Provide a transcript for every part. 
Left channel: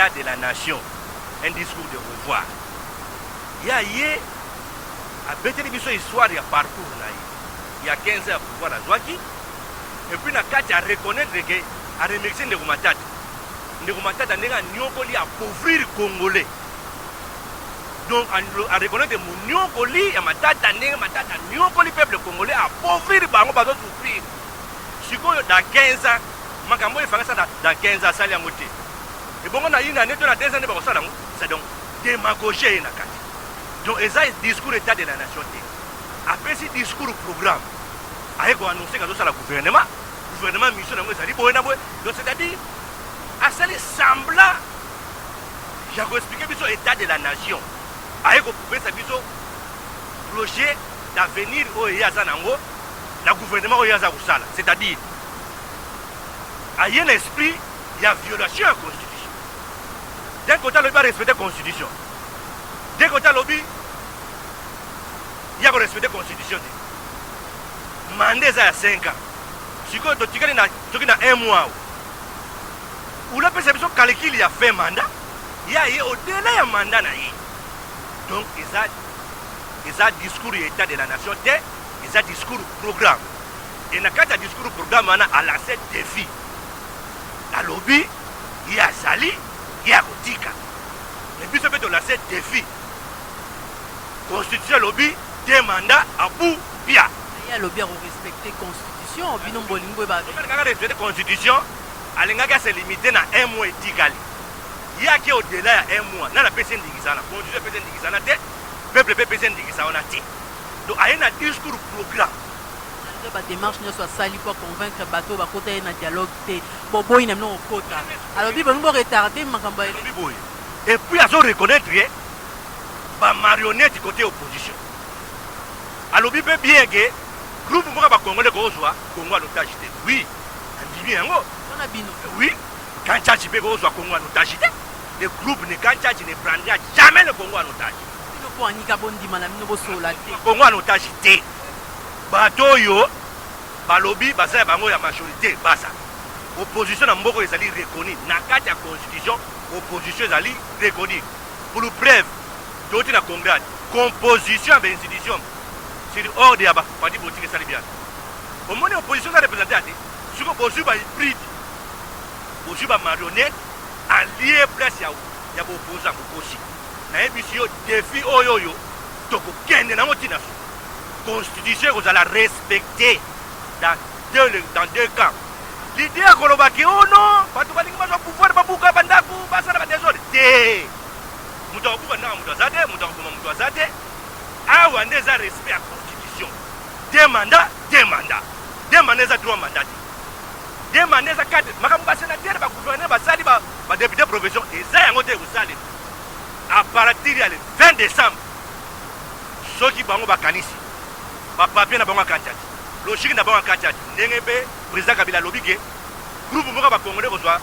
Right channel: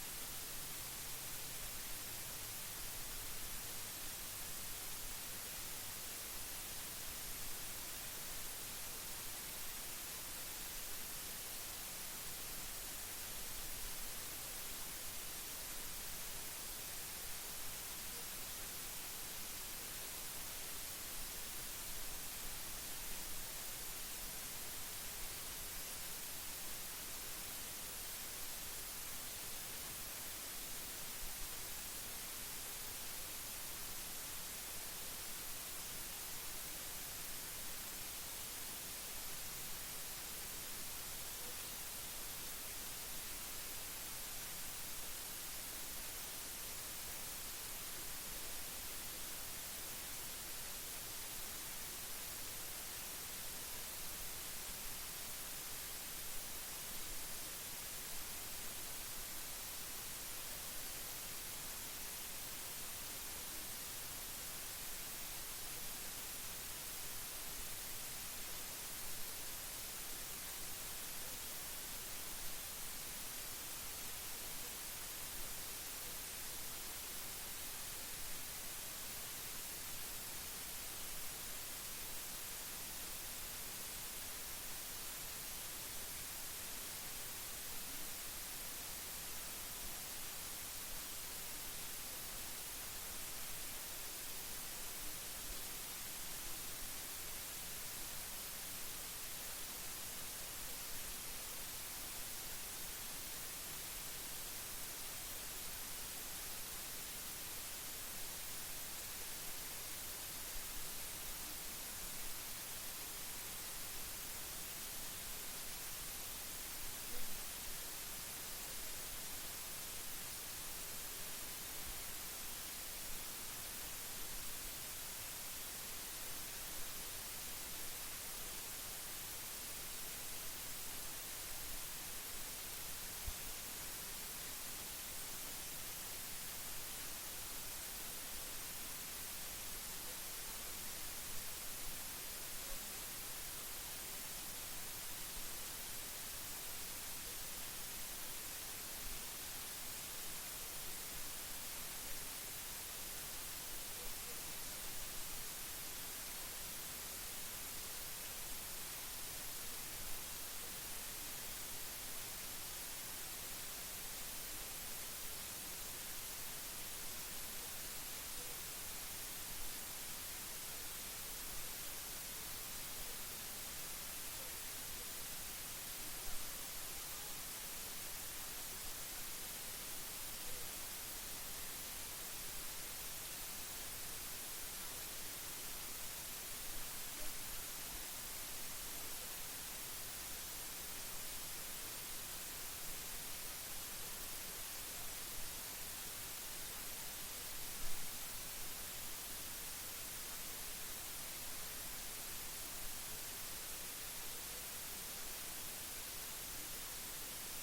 De la nation, un discours de revoir. Il y a une histoire de parcours. Il y a 15 ans pour voir la Zouaki. Et puis, il y a reconnaître que à remercier Ndekumatata. Ndekumatata n'est pas Nyokoli à appauvrir les Congolais. Donc, à reconnaître que Nyokoli et Matata n'est pas Nyokoli peuple congolais à appauvrir les Bango pour souffrir. Si vous dans 15 ans, Makambo est fait ça dans 15 ans, ça y a moté. Et bon, on a une année, c'est donc démagogie. Donc, c'est un discours état de la nation. Après ce discours programme, il faut annoncer que c'est le gouvernement, mission de donc, c'est-à-dire, à ce semblant, j'ai expliqué l'état de la nation. Il faut pouvoir faire projet d'avenir au Yazanango, le gouvernement au Yazarusala. C'est-à-dire, il y a un esprit, il y a violation de la Constitution. D'un côté, il va respecter la Constitution. D'un côté, il y a respecter la Constitution. Mandat à 5 ans. Si vous avez un mois, où la personne calcule, il a fait mandat, il y a au-delà du mandat. Donc, il y a un discours état de la nation, il y a un discours programme. Et dans le discours programme, on a lancé des défis. À l'objet, il y a Zali. Il y a Kotika. Et puis, ça peut lancer des défis. Constitution lobby, des mandats à bout, bien. Il y a lobby à respecter la Constitution. Il y a respecter la Constitution. Il y a se limiter à un mois et 10 gali. Il y a qui au-delà d'un mois. Dans la personne d'Igizana. La Constitution personne d'Igizana. Le peuple personne d'Igizana. Donc, il y a un discours programme. La démarche ne soit sali pour convaincre les bateaux à côté d'un dialogue. Bon, il n'y a pas de quota. Alors, il faut retarder. Et puis, il faut reconnaître la marionnette côté opposition. Alors, il peut bien que le groupe congolais soit Congo à l'otage. Oui, on dit bien. Oui, quand tu as Congo à l'otage, le groupe ne prendra jamais le Congo à l'otage. Congo à l'otage. Bateau yo, balobi, basa bango ya majorité, basa. Opposition na mboko ezali reconnue. Na kati ya constitution, opposition ezali reconnue. Pour le preuve, d'autres na congrès, composition de l'institution, c'est hors de yaba, pas dit boutique sali bien. Au moins l'opposition a représenté à dit, si vous posez ba hybride, posez ba marionnette, allié place ya opposant aussi. Na émission défi oyoyo, toko kende na motina. Constitution vous allez respecter dans deux camps. L'idée à Kolobaki, oh non, pas tout le monde va pouvoir pas bouger bandaku, pas ça va désordre. Moutobu na mutazade, moutobu mutazade. Ah on a respect à la Constitution. Deux mandats. Deux mandats à 3 mandats. Deux mandats à 4. Makamba sénateur, ba gouverneur, ba sali, ba député profession. Et ça y a ngote usali. À partir du 20 décembre, ceux qui bango ba kanisi. Papier na bango kantati logique na bango kantati ndenge be président Kabila lobike groupe moko ba congolais kozwa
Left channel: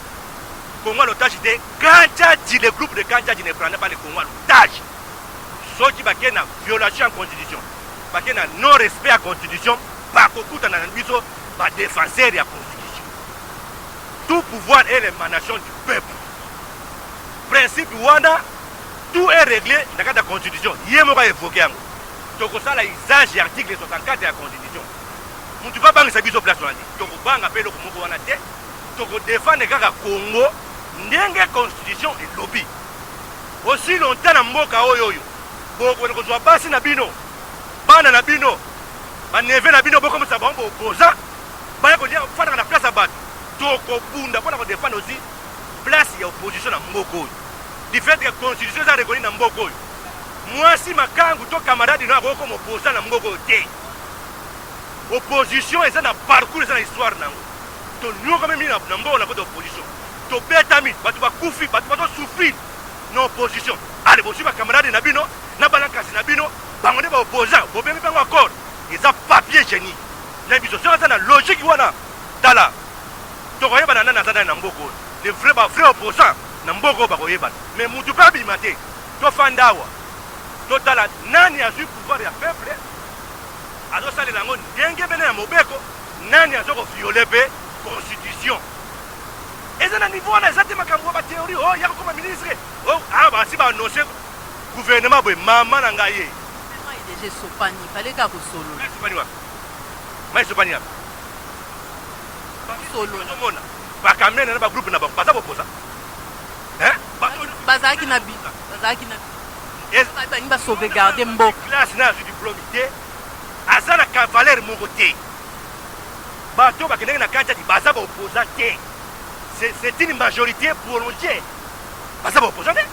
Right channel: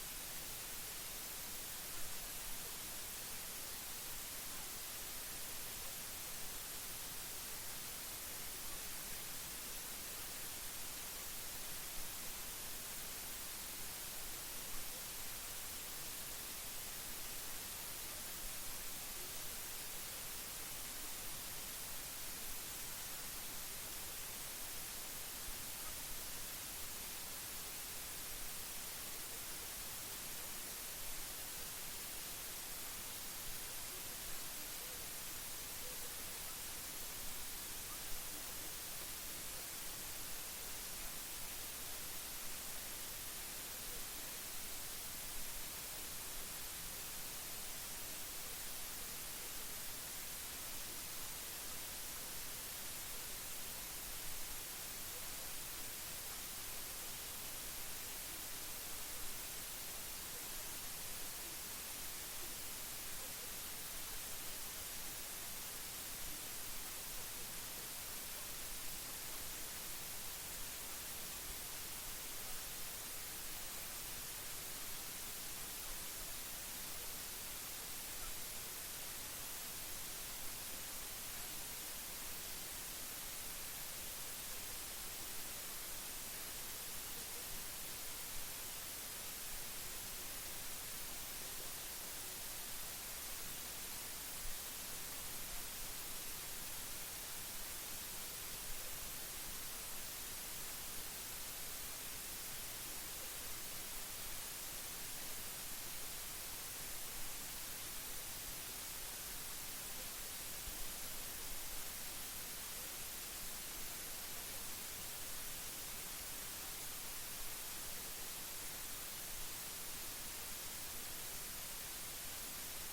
Congo l'otage de kantati le groupe de kantati ne prend pas le Congo l'otage ceux qui baké na violation de la constitution baké na non respect à la constitution ba kokuta na biso ba défenseur de la constitution tout pouvoir est l'émanation du peuple principe wana tout est réglé dans la constitution yemo ba évoquer yango toko sala usage de l'article 64 de la Constitution. Mutu va banga sabiso place wana. Toko banga pelo ko moko wana te. Toko défendre kaka Congo ndenge constitution et lobby. Aussi longtemps na mboka oyo bokoki kozwa basi na bino bana na bino baneve na bino bokomisa bango boopposa baya kolia kofandaka na place ya bato tokobunda mpona kodefendre aussi place ya opposition na mboka oyo du fait que constitution eza reconi na mboka oyo mwasi makangu to camarade no akoki koma opposa na mboka oyo te opposition eza na parcours eza na histoire nango tonyokami mingi na mboka na kota opposition tobetami bato bakufi bato bazosouffrir na opposition ale bozwi bacamarade na bino na balankasi na bino bango nde baopposant bobemi bango accord eza papier génie na biso soki aza na logique wana tala tokoyebana nani aza nani na mboka oyo le vrai opposant na mboka oyo bakoyebana mais mutu mpe abima te tofanda awa totala nani azwi pouvoir ya peuple azosalela yango ndenge bene ya mobeko nani azokoviole mpe constitution eza na niveau wana eza te makambo ya bathéorie oyo ya kokoma ministre awa basi baannonce gouvernement boye mama na ngai ye IDG Sopani fallait kaka kosolola Sopani wapi mai Sopani wapi solola bakamene na bagroupe na bango baza boposa bazalaki na bino bangi basauvegarde mboka classe na azwi diplôme te aza na cavalaire moko te bato bakendeki na kati ati baza baopposa te c'est une majorité prolongée baza baopposa te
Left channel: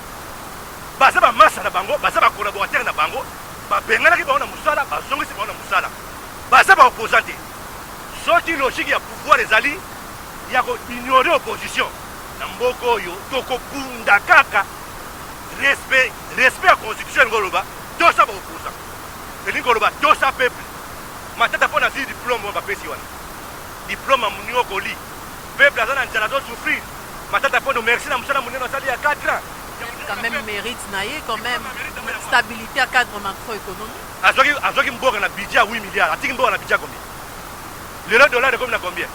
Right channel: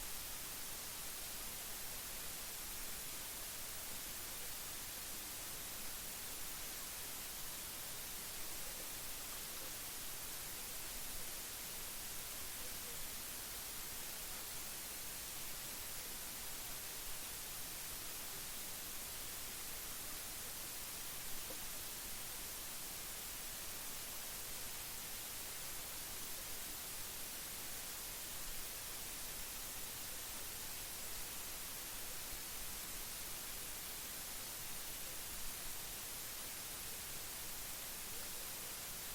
baza bamasa na bango baza bacollaborateur na bango babenganaki bango na mosala bazongisi bango na mosala baza baopposa te soki logique ya pouvoir ezali ya koignore opposition na mboka oyo tokobunda kaka respect ya constitution elingi oloba tosa baopposa elingi oloba tosa peuple matata mpo nazwi diplôme bapesi wana diplôme amoni okoli peuple aza na nzala azosouffrir matata mpo no merci na mosala monene asali ya 4 ans quand même mérite naye quand même stabilité à cadre macroéconomique azwaki mboka na budget ya 8 milliards atiki mboka na budget combien lelo dollar ekomi na combien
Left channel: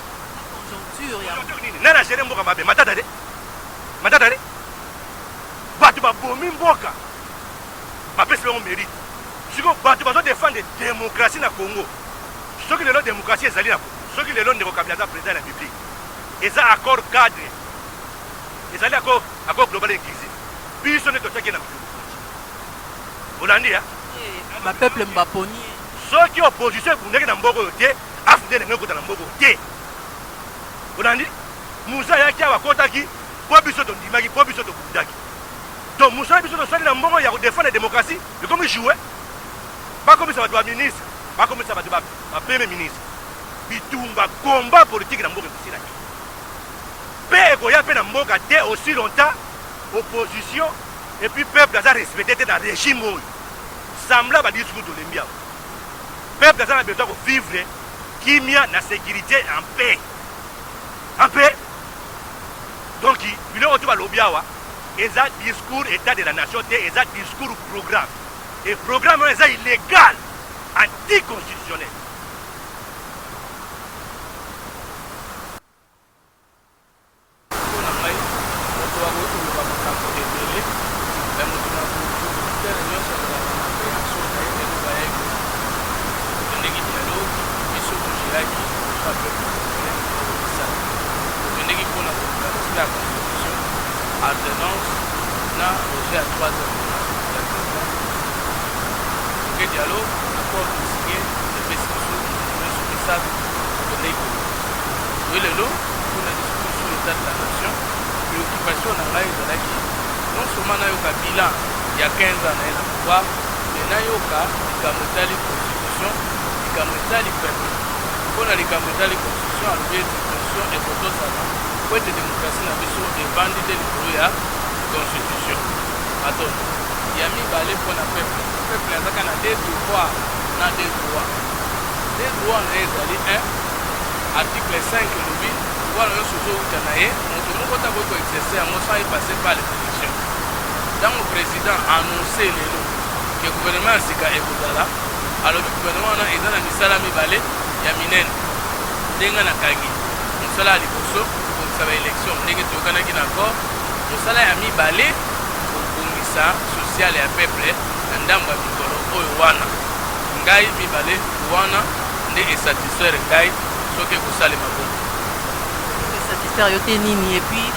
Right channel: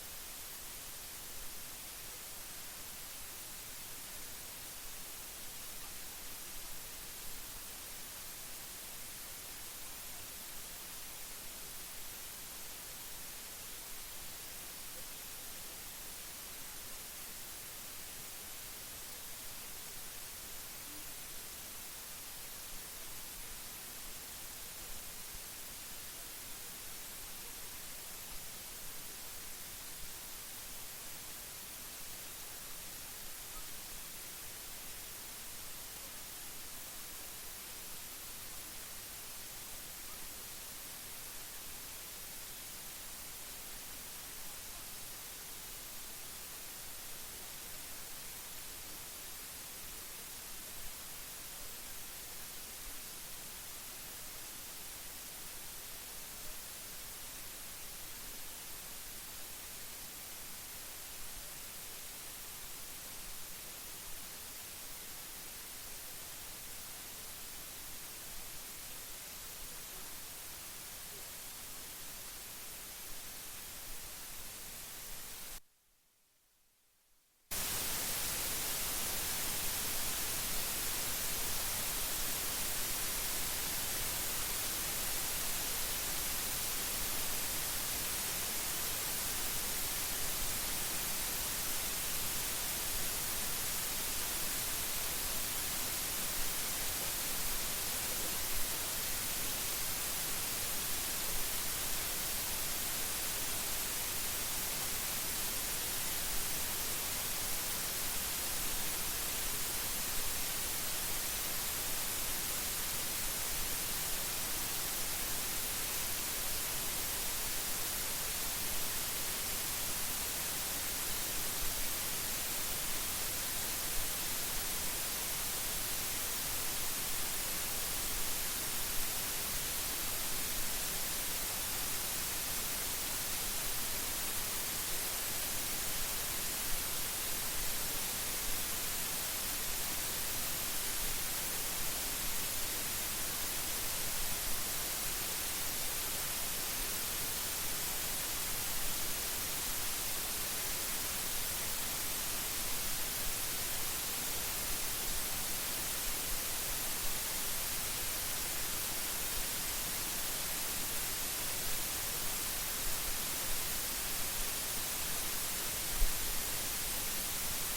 conjoncture nani agere mboka mabe matata te bato babomi mboka bapesi bango mérite siko bato bazodefendre démocratie na Congo soki lelo démocratie ezali na Congo soki lelo ndeko Kabila aza président ya république eza accord cadre ezali accord global inclusif biso nde totiaki na mokili olandi ya bapeuple mbaponi soki opposition ebundaki na mboka oyo te afunde ndenge ekota na mboka oyo te olandi musa ayaki awa akotaki mpo biso tondimaki mpo biso tobundaki donc mosala biso tosali na mboka ya kodefendre démocratie ekomi joue bakomisa bato baministre bakomisa bato bapremier ministre bitumba combat politique na mboka ekosilaki mpe ekoya mpe na mboka te aussi longtemps opposition et puis peuple aza respecté te na régime oyo sambla badiscours tolembi awa peuple aza na besoin kovivre kimia na sécurité en paix donc biloko to balobi awa eza discours état de la nation te eza discours programme et programme oyo eza illégal anticonstitutionnel article 5 lobi pouvoir nyonso ozowuta na ye moto moko ntango ekoexerce yango sans epase par les élections ntango président annonce lelo ke gouvernement ya sika ekozala alobi gouvernement wana eza na misala mibale ya minene ndenge nakangi mosala ya liboso kobongisa baélection ndenge toyokanaki na accord mosala ya mibale kobongisa sociale ya peuple na ndambo ya mikolo oyo wana ngai mibale wana nde esatisfaire ngai soki ekosalema bongo satisfaire yo te nini et puis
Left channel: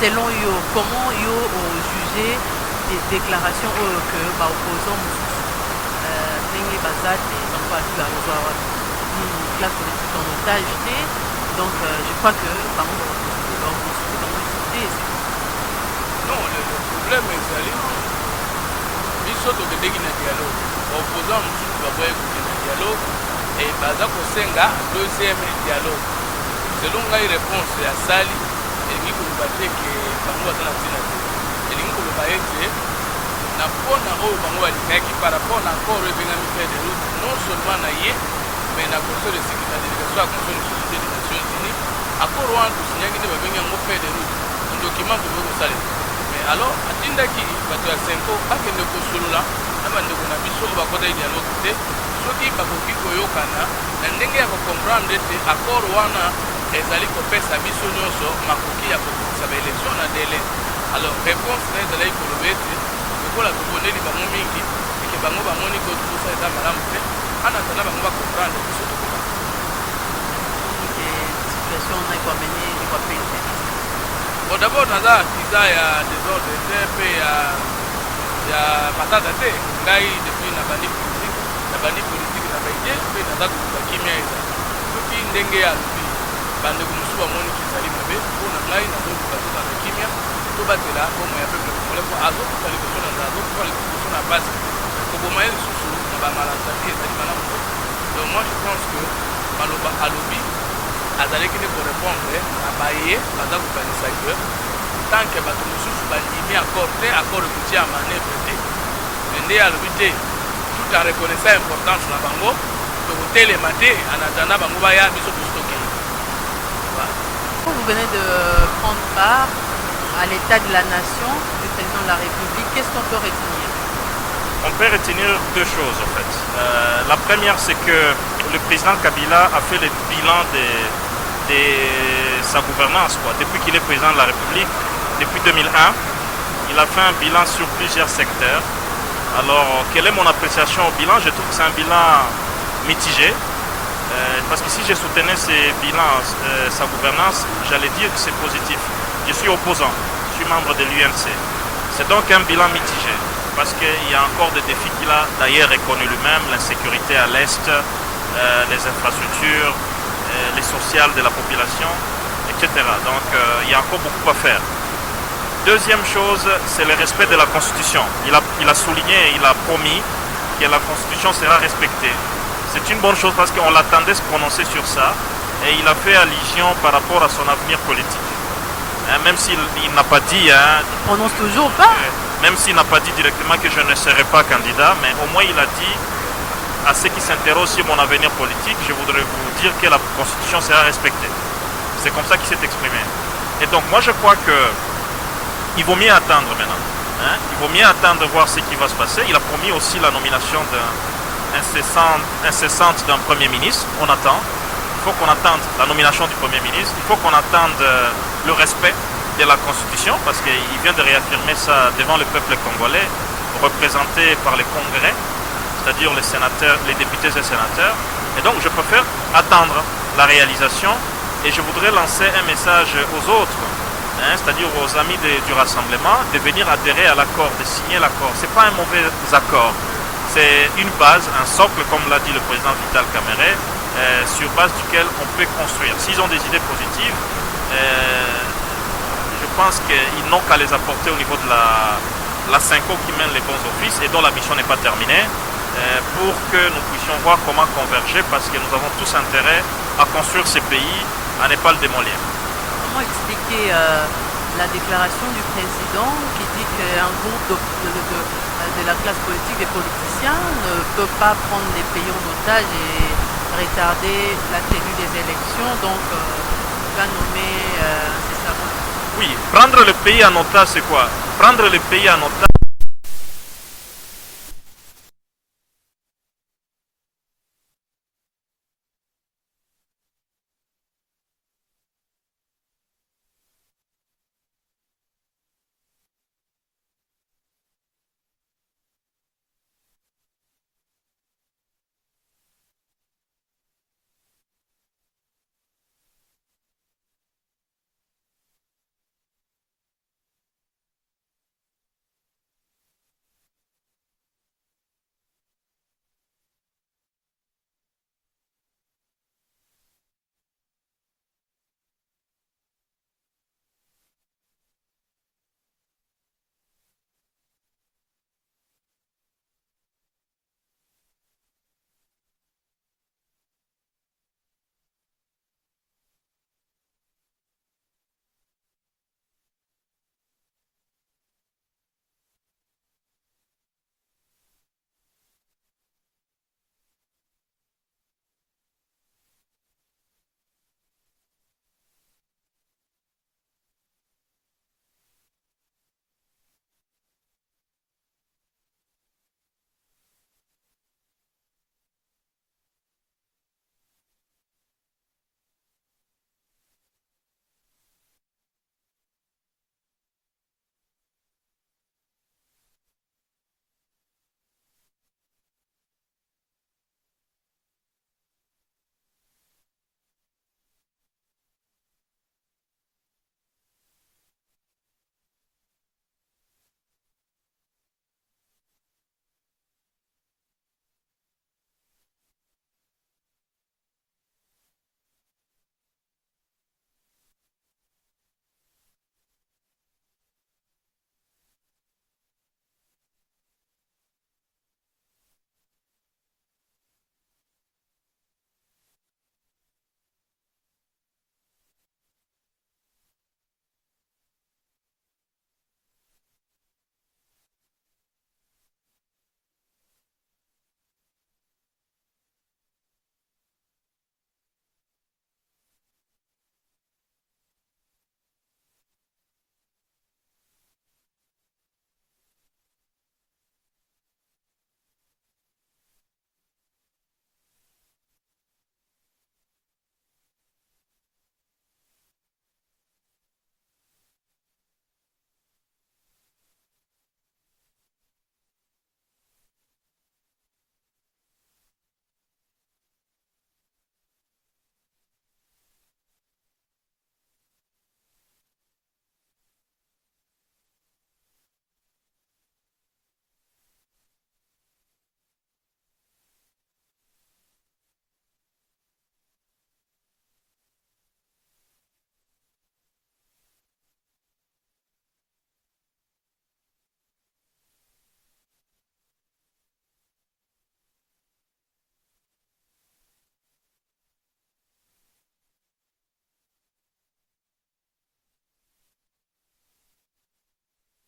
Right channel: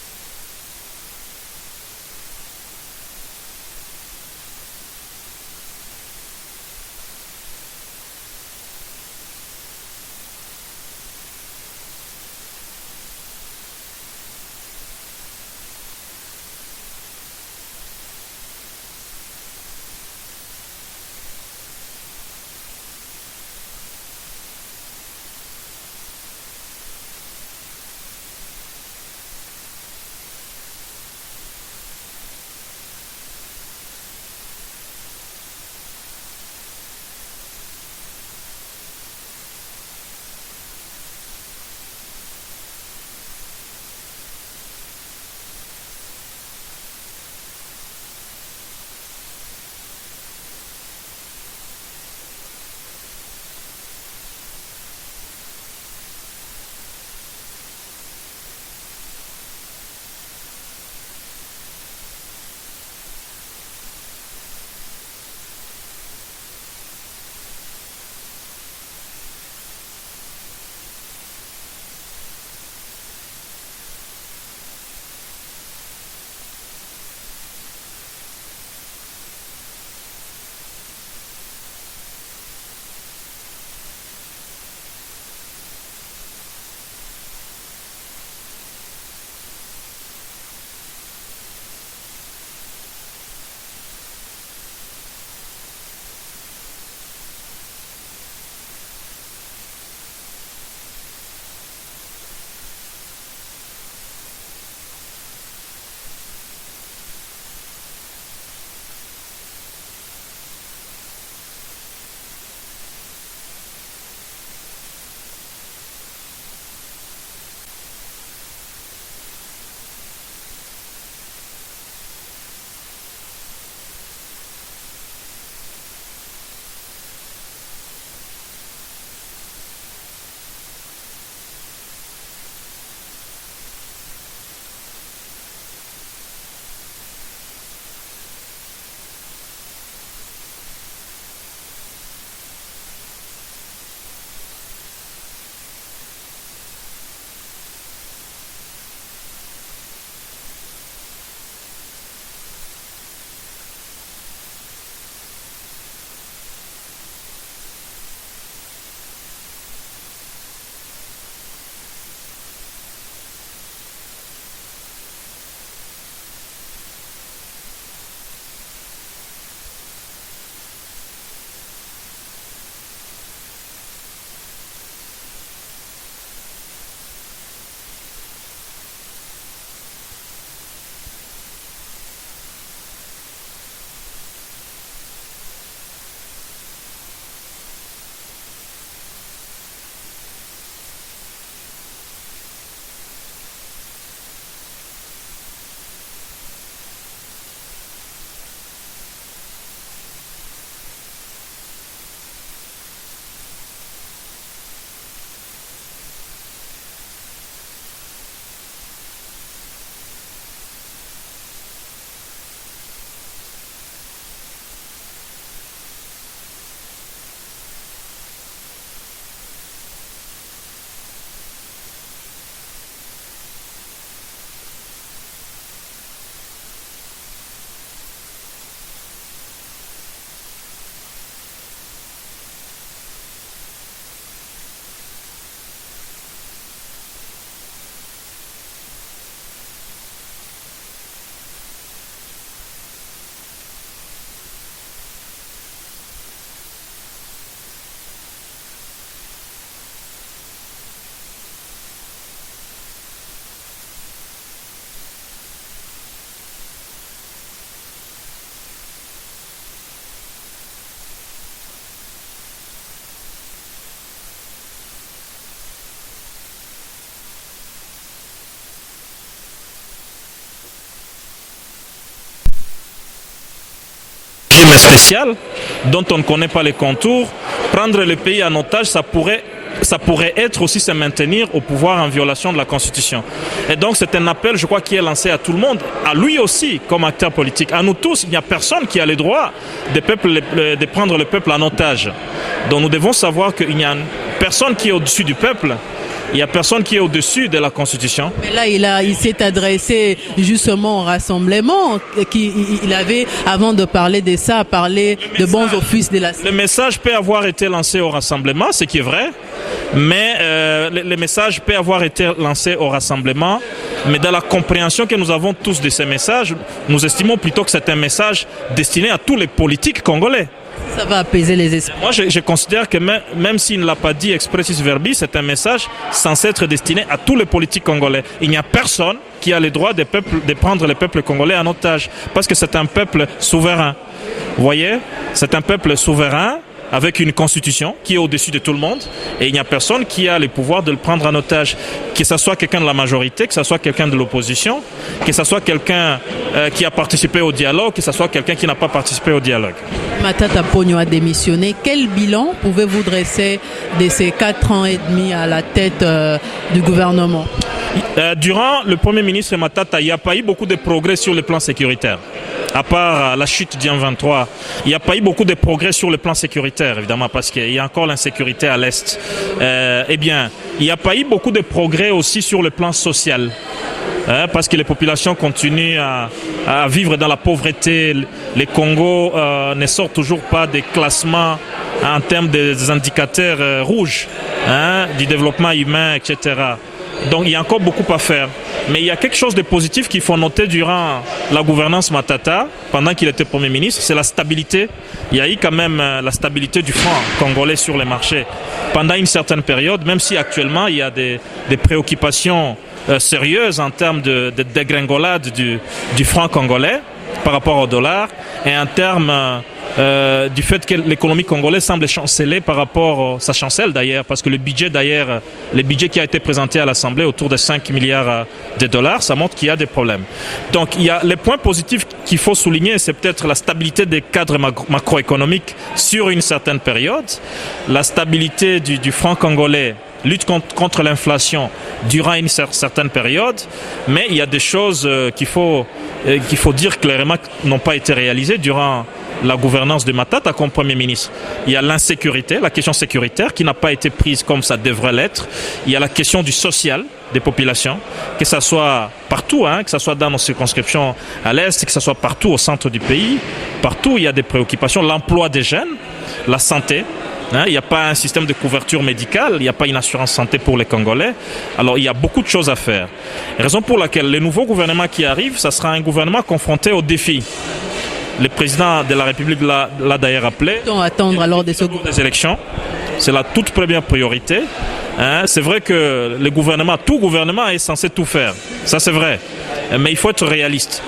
selon yo comment yo jugé déclaration que opposant ndenge baza te bango bazwi bazozwa une classe politique en otage te. Donc je crois que bango bakonstitue. Non, le problème ezali biso tokendeki na dialogue baopposant mosusu baboya ekoke na dialogue e baza kosenga deuxième dialogue. Selon ngai réponse ya sali elingi koloba te ke bango baza na ntina te, elingi koloba ete na mpona oyo bango balingaki par rapport na accord oyo ebengami fait de route non seulement na ye mais na conseil de sécurité na délégation ya conseil de sécurité des nations unies accord wana tosinyaki nde babengi yango fait de route document kolingi kosalela. Mais alors atindaki bato ya senko bakende kosolola na bandeko na biso oyo bakota dialogue te soki bakoki koyokana na ndenge ya kocomprendre ete accord wana ezali kopesa biso nyonso makoki ya kokokisa baélection na délai. Alors réponse na ezalaki koloba ete lokola tobondeli bango mingi eke bango bamoni kotukusa eza malamu te ana tala bango bacomprendre biso tokoka situation na ekwamene ekwapete. Bon d'abord naza artisan ya désordre te mpe ya matata te ngai depuis na bandi politique na baidie mpe naza koluka kimia eza soki ndenge ya alobi bandeko mosusu bamoni kizali mabe mpona ngai nazoluka tozala kimia tobatela bomo ya peuple congolais po azokufa liboso na nzala azokufa liboso na base koboma ye lisusu na bamalatati ezali malamu te. Donc moi je pense que maloba alobi azalaki nde korépondre na baye baza kokanisa ke tant ke bato mosusu bandimi accord te accord ekotia ya manevre te me nde alobi te tout en reconnaissant importance na bango tokotelema te en attendant bango baya biso tokei. Vous venez de prendre part à l'état de la nation du président de la République. Qu'est-ce qu'on peut retenir? On peut retenir deux choses en fait. La première, c'est que le président Kabila a fait le bilan de sa gouvernance. Depuis qu'il est président de la République, depuis 2001, il a fait un bilan sur plusieurs secteurs. Alors, quelle est mon appréciation au bilan? Je trouve que c'est un bilan mitigé. Parce que si je soutenais ces bilans, sa gouvernance, j'allais dire que c'est positif. Je suis opposant, je suis membre de l'UNC. C'est donc un bilan mitigé, parce qu'il y a encore des défis qu'il a d'ailleurs reconnu lui-même, l'insécurité à l'Est, les infrastructures, les sociales de la population, etc. Donc il y a encore beaucoup à faire. Deuxième chose, c'est le respect de la Constitution. Il a souligné, il a promis que la Constitution sera respectée. C'est une bonne chose parce qu'on l'attendait se prononcer sur ça et il a fait allusion par rapport à son avenir politique. Même s'il n'a pas dit... il prononce toujours pas. Même s'il n'a pas dit directement que je ne serai pas candidat, mais au moins il a dit à ceux qui s'interrogent sur mon avenir politique, je voudrais vous dire que la Constitution sera respectée. C'est comme ça qu'il s'est exprimé. Et donc moi je crois qu'il vaut mieux attendre maintenant. Il vaut mieux attendre de voir ce qui va se passer. Il a promis aussi la nomination incessante d'un Premier ministre. On attend. Il faut qu'on attende la nomination du Premier ministre. Il faut qu'on attende le respect de la Constitution, parce qu'il vient de réaffirmer ça devant le peuple congolais, représenté par les congrès, c'est-à-dire les sénateurs, les députés et sénateurs. Et donc je préfère attendre la réalisation et je voudrais lancer un message aux autres, c'est-à-dire aux amis du Rassemblement, de venir adhérer à l'accord, de signer l'accord. Ce n'est pas un mauvais accord. C'est une base, un socle, comme l'a dit le président Vital Kamerhe, sur base duquel on peut construire. S'ils ont des idées positives, je pense qu'ils n'ont qu'à les apporter au niveau de la Cinco qui mène les bons offices et dont la mission n'est pas terminée, pour que nous puissions voir comment converger, parce que nous avons tous intérêt à construire ces pays, à ne pas le démolir. Comment expliquer la déclaration du président qui dit qu'un groupe de la classe politique, des politiciens, ne peut pas prendre les pays en otage et retarder la tenue des élections, donc il va nommer incessamment. Oui, prendre le pays en otage, c'est quoi? Prendre le pays en otage, régime spécial dont on ne connaît pas les contours. Prendre le pays en otage, ça pourrait être aussi se maintenir au pouvoir en violation de la Constitution. Et donc c'est un appel, je crois, qui est lancé à tout le monde, à lui aussi comme acteur politique, à nous tous. Il n'y a personne qui a le droit de prendre le peuple en otage. Donc nous devons savoir qu'il n'y a personne qui est au-dessus du peuple. Il n'y a personne qui est au-dessus de la Constitution. Mais là, il s'est adressé justement au rassemblement. Il avait, avant de parler de ça, parlé de bons offices de la... Le message peut avoir été lancé au rassemblement, ce qui est vrai. Mais le message peut avoir été lancé au rassemblement. Mais dans la compréhension que nous avons tous de ces messages, nous estimons plutôt que c'est un message destiné à tous les politiques congolais. Ça va apaiser les esprits. Moi, je considère que même s'il ne l'a pas dit expressis verbis, c'est un message censé être destiné à tous les politiques congolais. Il n'y a personne qui a le droit de prendre le peuple congolais en otage, parce que c'est un peuple souverain. Vous voyez, c'est un peuple souverain avec une constitution qui est au-dessus de tout le monde, et il n'y a personne qui a le pouvoir de le prendre en otage, que ce soit quelqu'un de la majorité, que ce soit quelqu'un de l'opposition, que ce soit quelqu'un qui a participé au dialogue, que ce soit quelqu'un qui n'a pas participé au dialogue. Matata Ponyo a démissionné. Quel bilan pouvez-vous dresser de ces 4 ans et demi à la tête du gouvernement? Durant le Premier ministre Matata, il n'y a pas eu beaucoup de progrès sur le plan sécuritaire. À part la chute du M23, il n'y a pas eu beaucoup de progrès sur le plan sécuritaire, évidemment, parce qu'il y a encore l'insécurité à l'Est. Eh bien, il n'y a pas eu beaucoup de progrès aussi sur le plan social, parce que les populations continuent à vivre dans la pauvreté. Les Congos ne sortent toujours pas des classements en termes des indicateurs rouges, du développement humain, etc. Donc il y a encore beaucoup à faire. Mais il y a quelque chose de positif qu'il faut noter durant la gouvernance Matata, pendant qu'il était Premier ministre, c'est la stabilité. Il y a eu quand même la stabilité du franc congolais sur les marchés pendant une certaine période, même si actuellement il y a des préoccupations sérieuses en termes de dégringolade du franc congolais par rapport au dollar, et en termes du fait que l'économie congolaise semble chanceler par rapport, ça chancelle d'ailleurs, parce que le budget qui a été présenté à l'Assemblée autour de 5 milliards de dollars, ça montre qu'il y a des problèmes. Donc il y a les points positifs qu'il faut souligner, c'est peut-être la stabilité des cadres macroéconomiques sur une certaine période, la stabilité du franc congolais, lutte contre l'inflation durant une certaine période, mais il y a des choses qu'il faut dire clairement n'ont pas été réalisées durant la gouvernance de Matata comme Premier ministre. Il y a l'insécurité, la question sécuritaire qui n'a pas été prise comme ça devrait l'être. Il y a la question du social des populations, que ce soit partout, que ce soit dans nos circonscriptions à l'Est, que ce soit partout au centre du pays. Partout, il y a des préoccupations. L'emploi des jeunes, la santé. Il n'y a pas un système de couverture médicale, il n'y a pas une assurance santé pour les Congolais. Alors il y a beaucoup de choses à faire. Raison pour laquelle le nouveau gouvernement qui arrive, ça sera un gouvernement confronté aux défis. Le président de la République l'a d'ailleurs appelé. Attendre alors des élections. C'est la toute première priorité. C'est vrai que tout gouvernement est censé tout faire. Ça c'est vrai. Mais il faut être réaliste.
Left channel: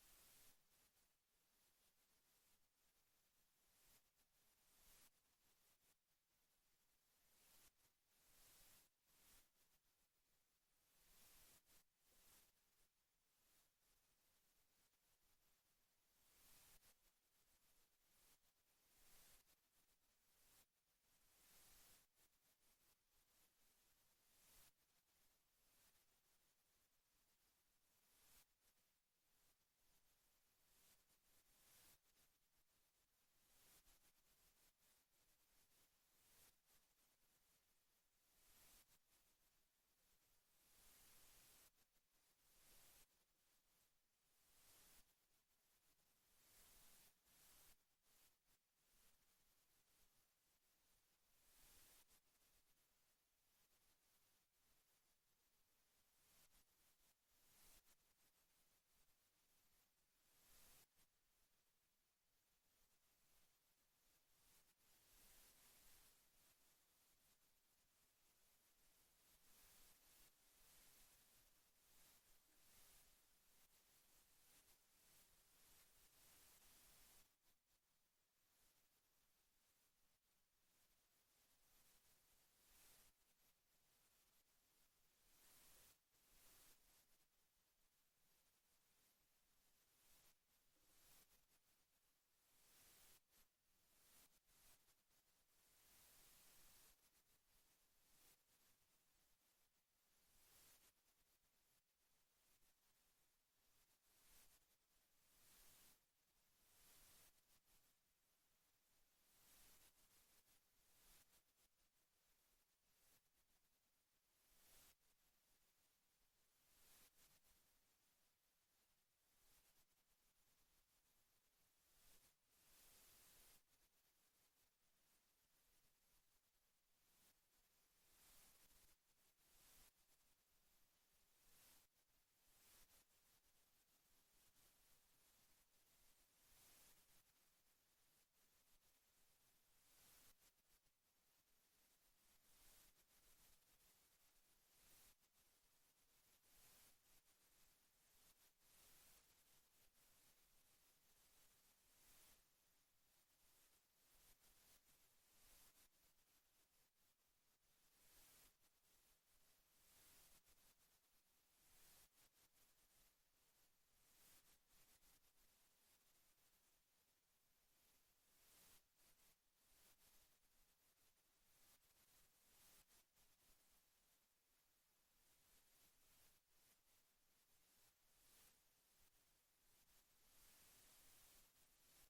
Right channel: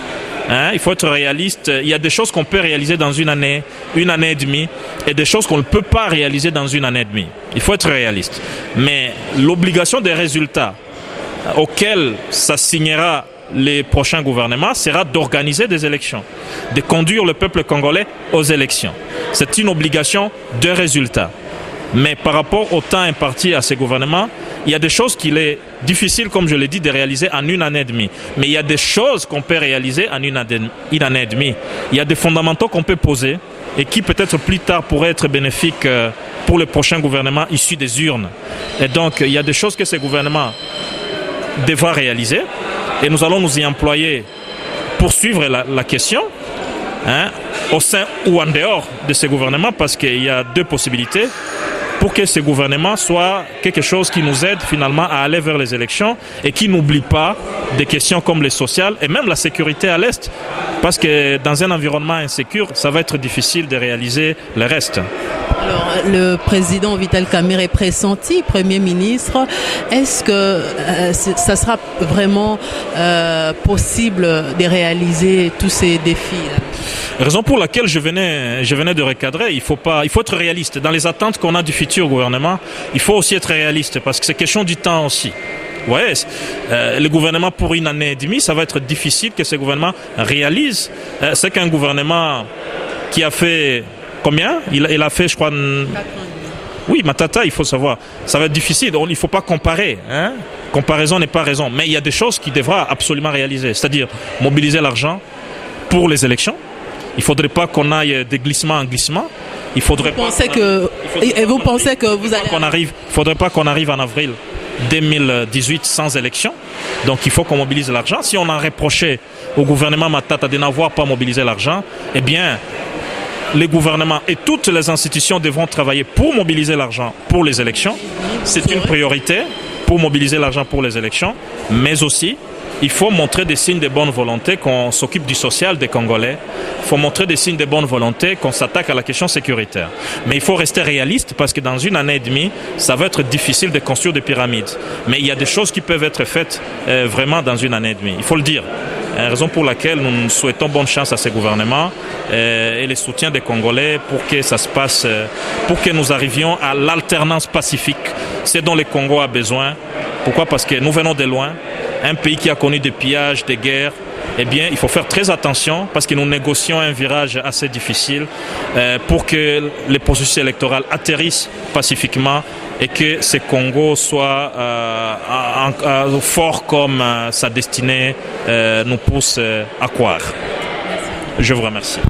Il faut être réaliste. Il y a des choses qu'on peut réaliser dans une année et demie, et des choses qu'on ne peut pas réaliser dans une année et demie. Il faut être réaliste. Mais l'obligation des résultats auxquels ça signera les prochains gouvernements sera d'organiser des élections, de conduire le peuple congolais aux élections. C'est une obligation de résultats. Mais par rapport au temps imparti à ces gouvernements, il y a des choses qu'il est difficile, comme je l'ai dit, de réaliser en une année et demie. Mais il y a des choses qu'on peut réaliser en une année et demie. Il y a des fondamentaux qu'on peut poser et qui peut-être plus tard pourraient être bénéfiques pour le prochain gouvernement issu des urnes. Et donc, il y a des choses que ces gouvernements devront réaliser. Et nous allons nous y employer pour suivre la question, au sein ou en dehors de ces gouvernements, parce qu'il y a deux possibilités pour que ce gouvernement soit quelque chose qui nous aide finalement à aller vers les élections et qui n'oublie pas des questions comme les sociales et même la sécurité à l'Est, parce que dans un environnement insécure, ça va être difficile de réaliser le reste. Alors, le président Vital Kamerhe est pressenti Premier ministre. Est-ce que ça sera vraiment possible de réaliser tous ces défis-là? Raison pour laquelle je venais de recadrer, il faut être réaliste. Dans les attentes qu'on a du futur gouvernement, il faut aussi être réaliste, parce que c'est question du temps aussi. Ouais, le gouvernement pour une année et demie, ça va être difficile que ce gouvernement réalise. C'est qu'un gouvernement qui a fait combien ? Il a fait, je crois... Oui, Matata, il faut savoir. Ça va être difficile, il ne faut pas comparer. Comparaison n'est pas raison. Mais il y a des choses qu'il devra absolument réaliser. C'est-à-dire mobiliser l'argent pour les élections. Il ne faudrait pas qu'on aille de glissement en glissement. Il faudrait vous pensez que vous allez... Il ne faudrait pas qu'on arrive en avril 2018 sans élection. Donc il faut qu'on mobilise l'argent. Si on a reproché au gouvernement Matata de n'avoir pas mobilisé l'argent, eh bien, les gouvernements et toutes les institutions devront travailler pour mobiliser l'argent pour les élections. C'est une priorité pour mobiliser l'argent pour les élections, mais aussi il faut montrer des signes de bonne volonté qu'on s'occupe du social des Congolais. Il faut montrer des signes de bonne volonté qu'on s'attaque à la question sécuritaire. Mais il faut rester réaliste parce que dans une année et demie, ça va être difficile de construire des pyramides. Mais il y a des choses qui peuvent être faites vraiment dans une année et demie. Il faut le dire. Raison pour laquelle nous souhaitons bonne chance à ces gouvernements et le soutien des Congolais pour que ça se passe, pour que nous arrivions à l'alternance pacifique. C'est dont le Congo a besoin. Pourquoi? Parce que nous venons de loin. Un pays qui a connu des pillages, des guerres, eh bien, il faut faire très attention parce que nous négocions un virage assez difficile pour que les processus électoraux atterrissent pacifiquement et que ce Congo soit fort comme sa destinée nous pousse à croire. Je vous remercie.